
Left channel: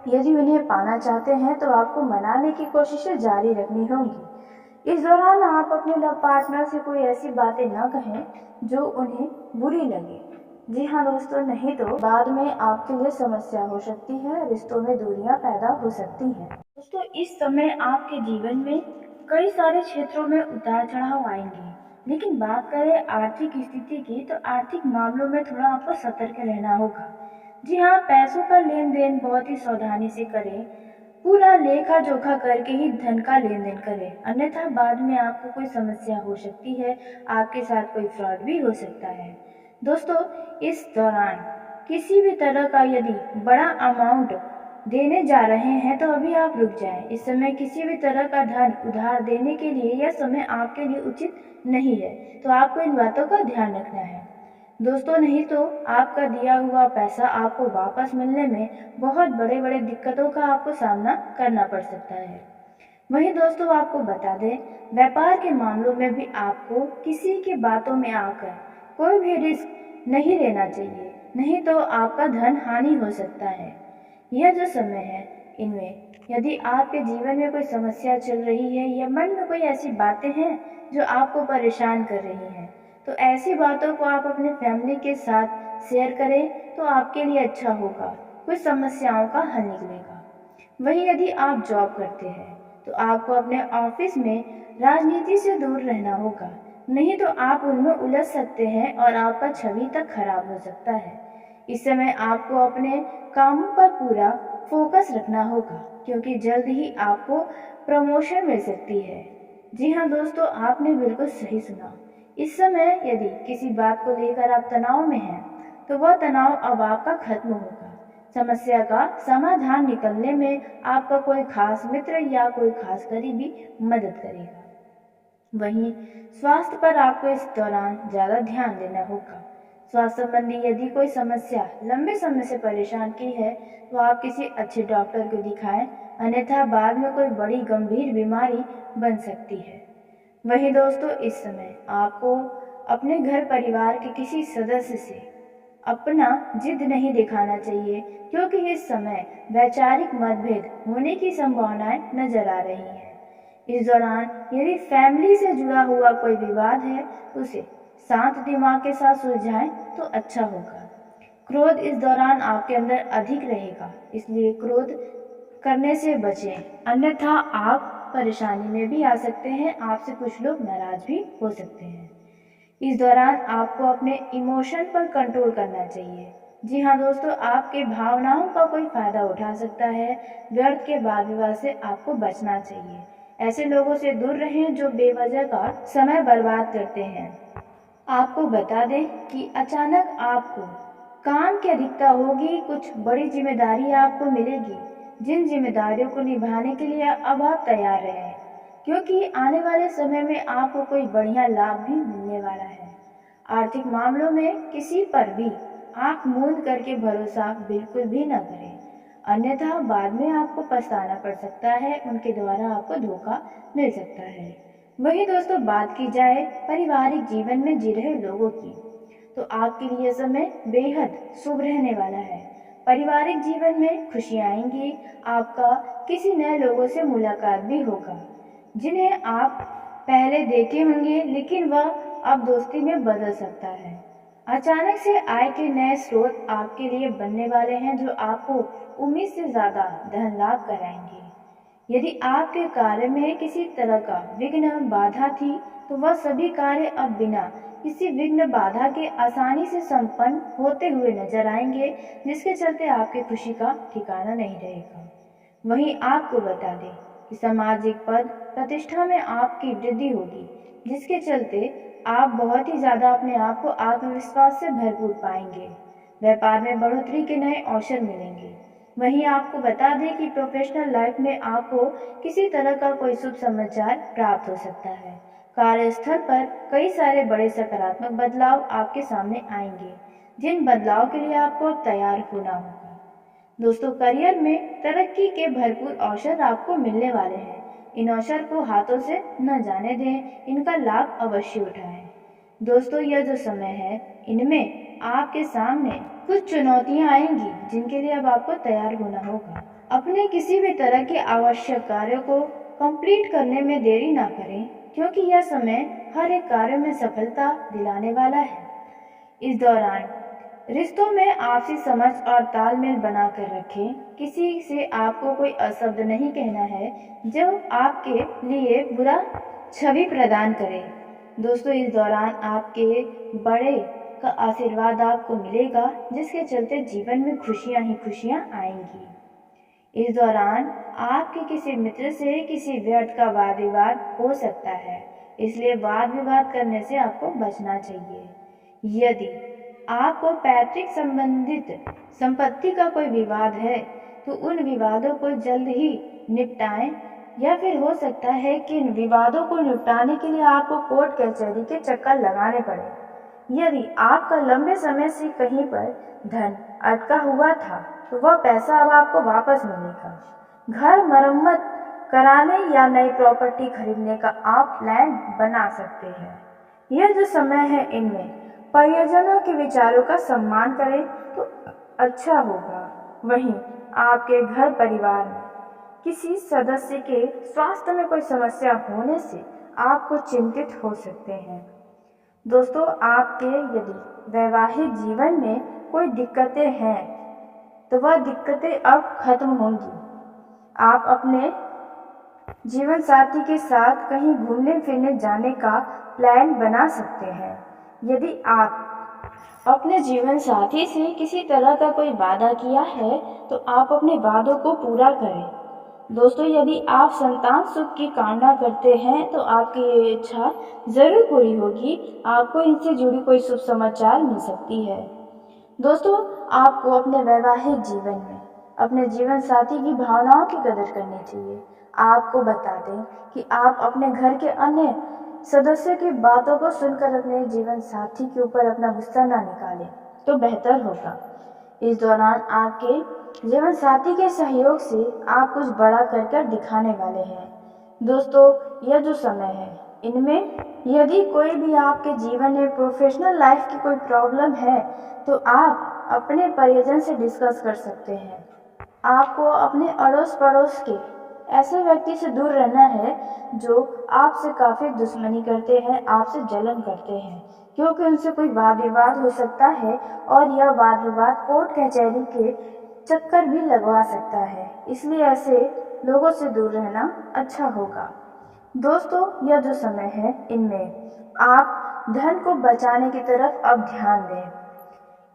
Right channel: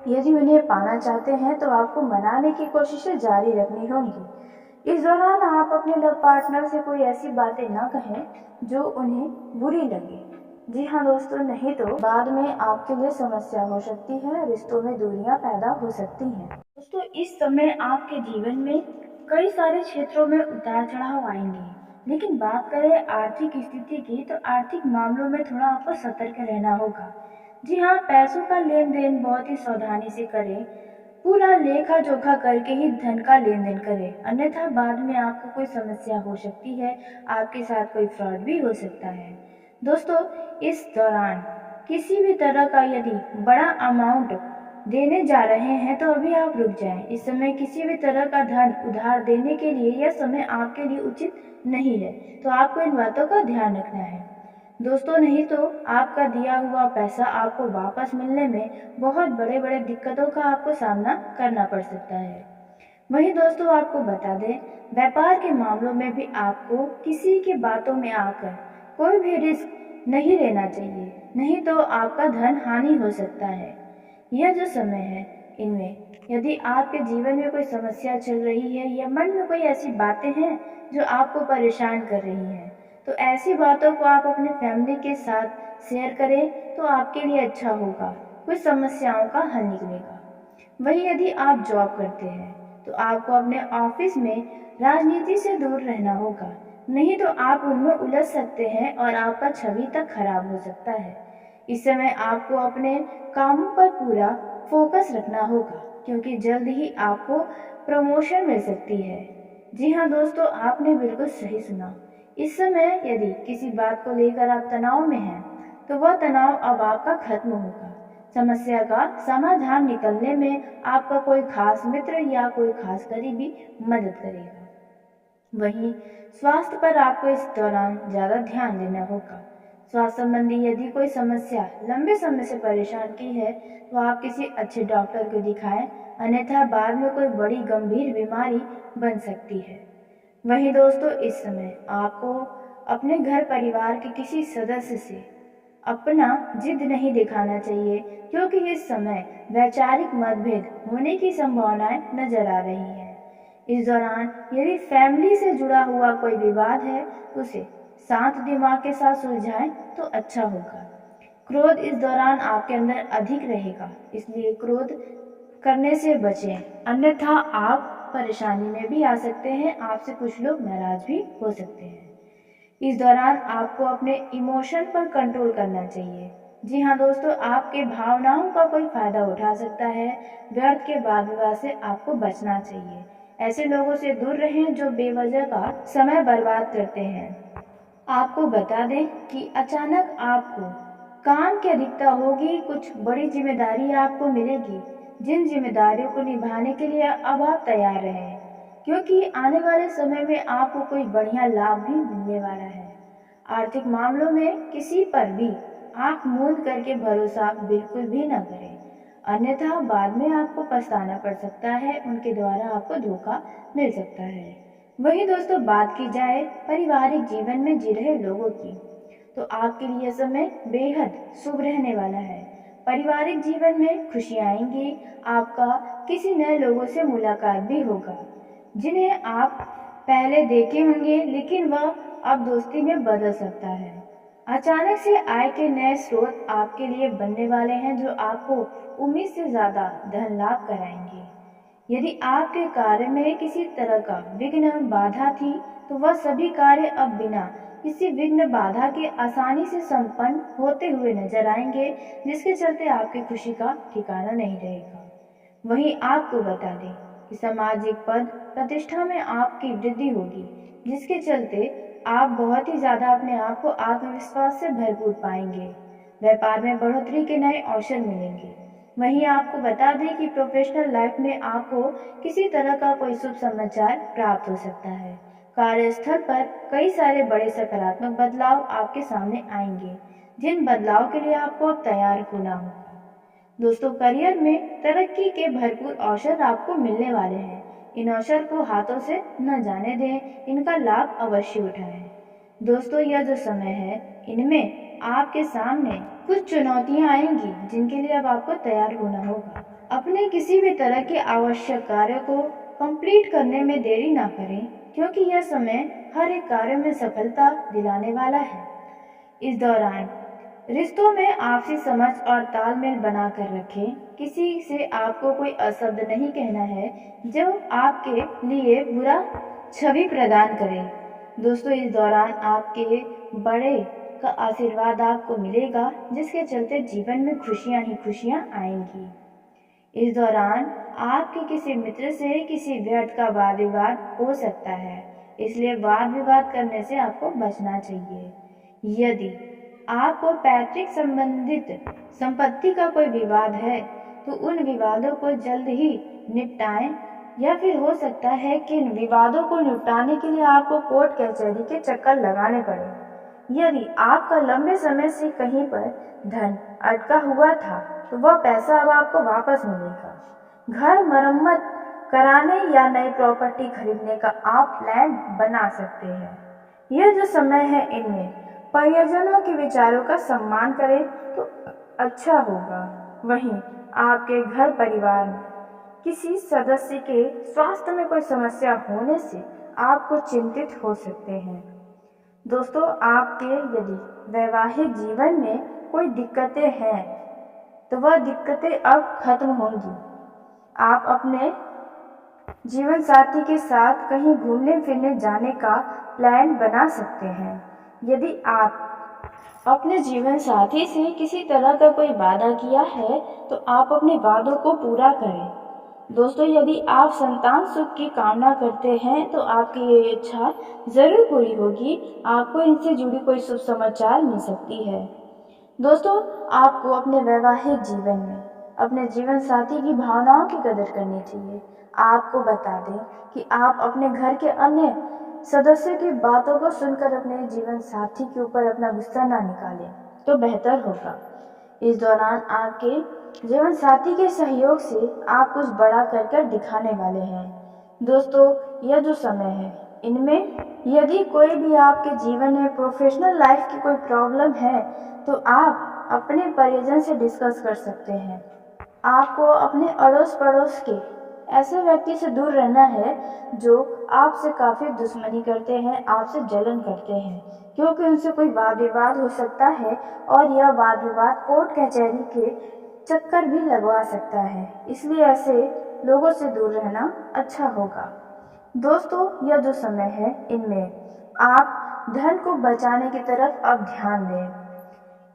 यदि उन्हें पाना चाहते हैं तो आपको मनाने की कोशिशें जारी रखनी होंगी। इस दौरान आप अपने लव पार्टनर से कोई ऐसी बातें न कहें जो उन्हें बुरी लगे। जी हाँ दोस्तों, नहीं तो बाद में आपके लिए समस्या हो सकती है, रिश्तों में दूरियां पैदा हो सकती हैं। दोस्तों, इस समय आपके जीवन में कई सारे क्षेत्रों में उतार चढ़ाव आएंगे, लेकिन बात करें आर्थिक स्थिति की तो आर्थिक मामलों में थोड़ा आपको सतर्क रहना होगा। जी हाँ, पैसों का लेन देन बहुत ही सावधानी से करें। पूरा लेखा जोखा करके ही धन का लेन देन करें, अन्यथा बाद में आपको कोई समस्या हो सकती है, आपके साथ कोई फ्रॉड भी हो सकता है। दोस्तों, इस दौरान किसी भी तरह का यदि बड़ा अमाउंट देने जा रहे हैं तो अभी आप रुक जाएं। इस समय किसी भी तरह का धन उधार देने के लिए यह समय आपके लिए उचित नहीं है, तो आपको इन बातों का ध्यान रखना है दोस्तों। नहीं तो आपका दिया हुआ पैसा आपको वापस मिलने में बहुत बड़े बड़े दिक्कतों का आपको सामना करना पड़ सकता है। वहीं दोस्तों, आपको बता दें, व्यापार के मामलों में भी आपको किसी की बातों में आकर कोई भी रिस्क नहीं लेना चाहिए, नहीं तो आपका धन हानि हो सकता है। यह जो समय है, इनमें यदि आपके जीवन में कोई समस्या चल रही है या मन में कोई ऐसी बातें हैं जो आपको परेशान कर रही हैं, तो ऐसी बातों को आप अपने फैमिली के साथ शेयर करें तो आपके लिए अच्छा होगा, कुछ समस्याओं का हल निकलेगा। वहीं यदि आप जॉब करते हैं तो आपको अपने ऑफिस में राजनीति से दूर रहना होगा, नहीं तो आप उनमें उलझ सकते हैं और आपका छवि तक खराब हो सकता है। इस समय आपको अपने कामों पर पूरा फोकस रखना होगा, क्योंकि जल्द ही आपको प्रमोशन मिल सकती है। जी हाँ दोस्तों, आपने बिल्कुल सही सुना। इस समय यदि किसी बात को लेकर आप तनाव में हैं तो वह तनाव अब आपका खत्म होगा। समस्या का समाधान निकलने में आपका कोई खास मित्र या कोई खास करीबी मदद करेगा। वहीं स्वास्थ्य पर आपको इस दौरान ज़्यादा ध्यान देना होगा। स्वास्थ्य संबंधी यदि कोई समस्या लंबे समय से परेशान की है तो आप किसी अच्छे डॉक्टर को दिखाएं, अन्यथा बाद में कोई बड़ी गंभीर बीमारी बन सकती है। वहीं दोस्तों, इस समय आपको अपने घर परिवार के किसी सदस्य से अपना जिद नहीं दिखाना चाहिए, क्योंकि इस समय वैचारिक मतभेद होने की संभावनाएं नजर आ रही हैं। इस दौरान यदि फैमिली से जुड़ा हुआ कोई विवाद है उसे शांत दिमाग के साथ सुलझाएं तो अच्छा होगा। क्रोध इस दौरान आपके अंदर अधिक रहेगा, इसलिए क्रोध करने से बचें, अन्यथा आप परेशानी में भी आ सकते हैं, आपसे कुछ लोग नाराज भी हो सकते हैं। इस दौरान आपको अपने इमोशन पर कंट्रोल करना चाहिए। जी हाँ दोस्तों, आपके भावनाओं का कोई फायदा उठा सकता है। व्यर्थ के वाद विवाद से आपको बचना चाहिए। ऐसे लोगों से दूर रहें जो बेवजह का समय बर्बाद करते हैं। आपको बता दें कि अचानक आपको काम की अधिकता होगी, कुछ बड़ी जिम्मेदारी आपको मिलेगी, जिन जिम्मेदारियों को निभाने के लिए अब आप तैयार रहें, क्योंकि आने वाले समय में आपको कोई बढ़िया लाभ भी मिलने वाला है। आर्थिक मामलों में किसी पर भी आंख मूंद करके भरोसा बिल्कुल भी न करें, अन्यथा बाद में आपको पछताना पड़ सकता है, उनके द्वारा आपको धोखा मिल सकता है। वहीं दोस्तों, बात की जाए पारिवारिक जीवन में जी रहे लोगों की, तो आपके लिए समय बेहद शुभ रहने वाला है। पारिवारिक जीवन में खुशियाँ आएंगी, आपका किसी नए लोगों से मुलाकात भी होगा, जिन्हें आप पहले देखे होंगे, लेकिन वह अब दोस्ती में बदल सकता है। अचानक से आय के नए स्रोत आपके लिए बनने वाले हैं, जो आपको उम्मीद से ज़्यादा धन लाभ कराएंगे। यदि आपके कार्य में किसी तरह का विघ्न बाधा थी, तो वह सभी कार्य अब बिना किसी विघ्न बाधा के आसानी से संपन्न होते हुए नजर आएंगे, जिसके चलते आपकी खुशी का ठिकाना नहीं रहेगा। वहीं आपको बता दें कि सामाजिक पद प्रतिष्ठा में आपकी वृद्धि होगी, जिसके चलते आप बहुत ही ज़्यादा अपने आप को आत्मविश्वास से भरपूर पाएंगे। व्यापार में बढ़ोतरी के नए अवसर मिलेंगे। वहीं आपको बता दें कि प्रोफेशनल लाइफ में आपको किसी तरह का कोई शुभ समाचार प्राप्त हो सकता है। कार्यस्थल पर कई सारे बड़े सकारात्मक बदलाव आपके सामने आएंगे, जिन बदलाव के लिए आपको अब तैयार होना होगा। दोस्तों, करियर में तरक्की के भरपूर अवसर आपको मिलने वाले हैं। इन अवसर को हाथों से न जाने दें, इनका लाभ अवश्य उठाएं। दोस्तों, यह जो समय है, इनमें आपके सामने कुछ चुनौतियां आएंगी, जिनके लिए अब आपको तैयार होना होगा। अपने किसी भी तरह के आवश्यक कार्यों को कंप्लीट करने में देरी ना करें, क्योंकि यह समय हर एक कार्य में सफलता दिलाने वाला है। इस दौरान रिश्तों में आपसी समझ और तालमेल बनाकर रखें। किसी से आपको कोई अशब्द नहीं कहना है जो आपके लिए बुरा छवि प्रदान करे। दोस्तों, इस दौरान आपके बड़े का आशीर्वाद आपको मिलेगा, जिसके चलते जीवन में खुशियां ही खुशियां आएंगी। इस दौरान आपके किसी मित्र से किसी व्यर्थ का वाद विवाद हो सकता है, इसलिए वाद विवाद करने से आपको बचना चाहिए। यदि आपको पैतृक संबंधित संपत्ति का कोई विवाद है, तो उन विवादों को जल्द ही निपटाएं, या फिर हो सकता है कि इन विवादों को निपटाने के लिए आपको कोर्ट कचहरी के चक्कर लगाने पड़े। यदि आपका लंबे समय से कहीं पर धन अटका हुआ था, तो वह पैसा अब आपको वापस मिलेगा। घर मरम्मत कराने या नई प्रॉपर्टी खरीदने का आप प्लान बना सकते हैं। यह जो समय है, इनमें परिजनों के विचारों का सम्मान करें तो अच्छा होगा। वहीं आपके घर परिवार में किसी सदस्य के स्वास्थ्य में कोई समस्या होने से आपको चिंतित हो सकते हैं। दोस्तों, आपके यदि वैवाहिक जीवन में कोई दिक्कतें हैं, तो वह दिक्कतें अब खत्म होंगी। आप अपने जीवन साथी के साथ कहीं घूमने फिरने जाने का प्लान बना सकते हैं। यदि आप अपने जीवन साथी से किसी तरह का कोई वादा किया है, तो आप अपने वादों को पूरा करें। दोस्तों, यदि आप संतान सुख की कामना करते हैं, तो आपकी ये इच्छा ज़रूर पूरी होगी। आपको इनसे जुड़ी कोई शुभ समाचार मिल सकती है। दोस्तों, आपको अपने वैवाहिक जीवन में अपने जीवन साथी की भावनाओं की कदर करनी चाहिए। आपको बता दें कि आप अपने घर के अन्य सदस्यों की बातों को सुनकर अपने जीवन साथी के ऊपर अपना गुस्सा ना निकालें, तो बेहतर होगा। इस दौरान आपके जीवन साथी के सहयोग से आप कुछ बड़ा कर दिखाने वाले हैं। दोस्तों, यह जो समय है, इनमें यदि कोई भी आपके जीवन में प्रोफेशनल लाइफ की कोई प्रॉब्लम है, तो आप अपने परिजन से डिस्कस कर सकते हैं। आपको अपने अड़ोस पड़ोस के ऐसे व्यक्ति से दूर रहना है जो आपसे काफ़ी दुश्मनी करते हैं, आपसे जलन करते हैं, क्योंकि उनसे कोई वाद विवाद हो सकता है और यह वाद विवाद कोर्ट कचहरी के चक्कर भी लगवा सकता है। इसलिए ऐसे लोगों से दूर रहना अच्छा होगा। दोस्तों, यह जो समय है, इनमें आप धन को बचाने की तरफ अब ध्यान दें।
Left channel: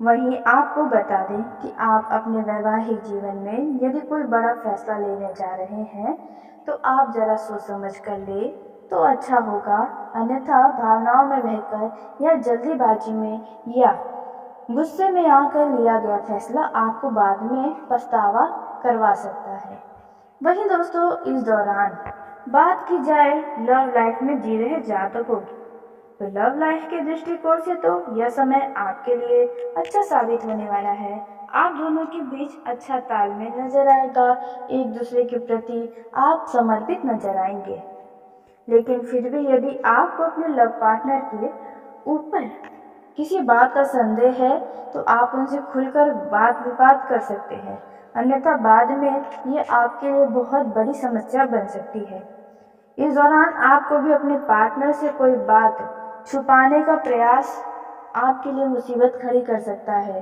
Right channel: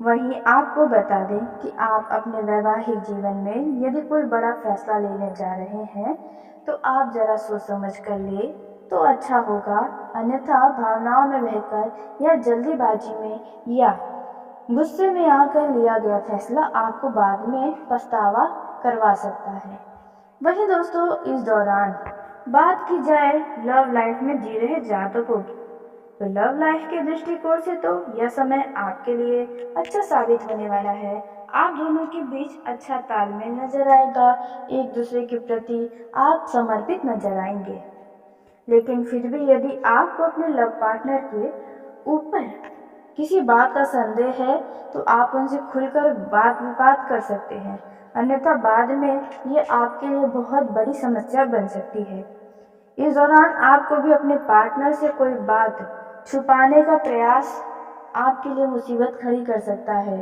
वहीं आपको बता दें कि आप अपने वैवाहिक जीवन में यदि कोई बड़ा फैसला लेने जा रहे हैं, तो आप ज़रा सोच समझ कर ले तो अच्छा होगा। अन्यथा भावनाओं में बहकर या जल्दीबाजी में या गुस्से में आकर लिया गया फैसला आपको बाद में पछतावा करवा सकता है। वहीं दोस्तों, इस दौरान बात की जाए लव लाइफ में जी रहे जातकों की, तो लव लाइफ के दृष्टिकोण से तो यह समय आपके लिए अच्छा साबित होने वाला है। आप दोनों के बीच अच्छा तालमेल नजर आएगा, एक दूसरे के प्रति आप समर्पित नजर आएंगे। लेकिन फिर भी यदि आपको अपने लव पार्टनर के ऊपर किसी बात का संदेह है, तो आप उनसे खुलकर बात विवाद कर सकते हैं, अन्यथा बाद में ये आपके लिए बहुत बड़ी समस्या बन सकती है। इस दौरान आपको भी अपने पार्टनर से कोई बात छुपाने का प्रयास आपके लिए मुसीबत खड़ी कर सकता है।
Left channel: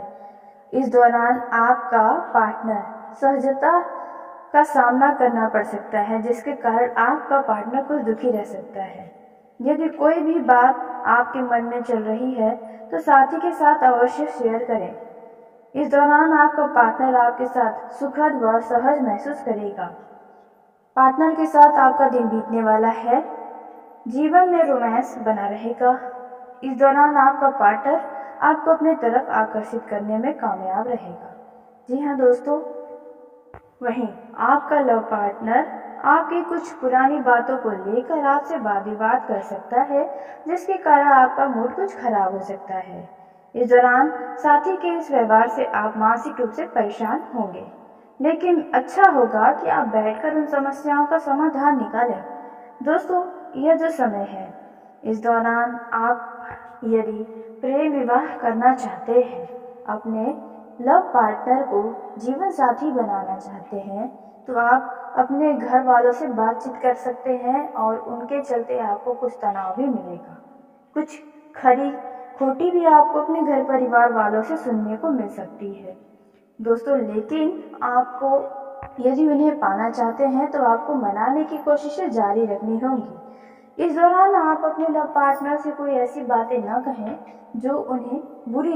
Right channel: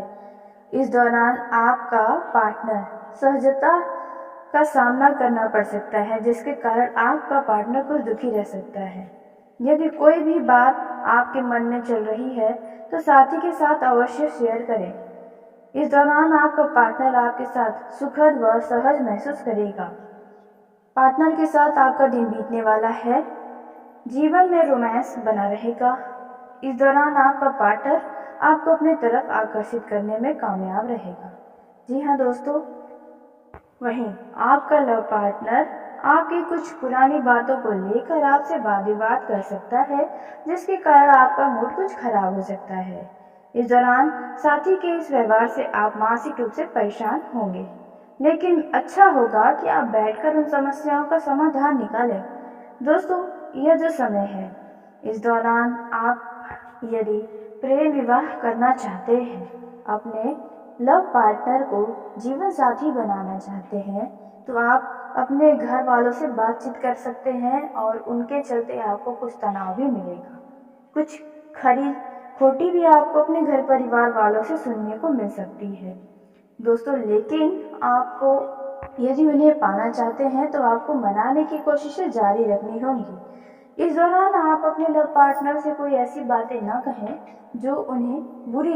इस दौरान आपका पार्टनर सहजता का सामना करना पड़ सकता है, जिसके कारण आपका पार्टनर कुछ दुखी रह सकता है। यदि कोई भी बात आपके मन में चल रही है तो साथी के साथ अवश्य शेयर करें। इस दौरान आपका पार्टनर आपके साथ सुखद व सहज महसूस करेगा। पार्टनर के साथ आपका दिन बीतने वाला है, जीवन में रोमांस बना रहेगा। इस दौरान आपका पार्टनर आपको अपने तरफ आकर्षित करने में कामयाब रहेगा। जी हाँ दोस्तों, वहीं आपका लव पार्टनर आपकी कुछ पुरानी बातों को लेकर आपसे वाद विवाद कर सकता है, जिसके कारण आपका मूड कुछ खराब हो सकता है। इस दौरान साथी के इस व्यवहार से आप मानसिक रूप से परेशान होंगे, लेकिन अच्छा होगा कि आप बैठकर उन समस्याओं का समाधान निकालें। दोस्तों, यह जो समय है, इस दौरान आप यदि प्रेम विवाह करना चाहते हैं, अपने लव पार्टनर को जीवन साथी बनाना चाहते हैं, तो आप अपने घर वालों से बातचीत कर सकते हैं और उनके चलते आपको कुछ तनाव भी मिलेगा। कुछ खरी खोटी भी आपको अपने घर परिवार वालों से सुनने को मिल सकती है दोस्तों। लेकिन आपको यदि उन्हें पाना चाहते हैं तो आपको मनाने की कोशिशें जारी रखनी होंगी। इस दौरान आप अपने लव पार्टनर से कोई ऐसी बातें न कहें जो उन्हें बुरी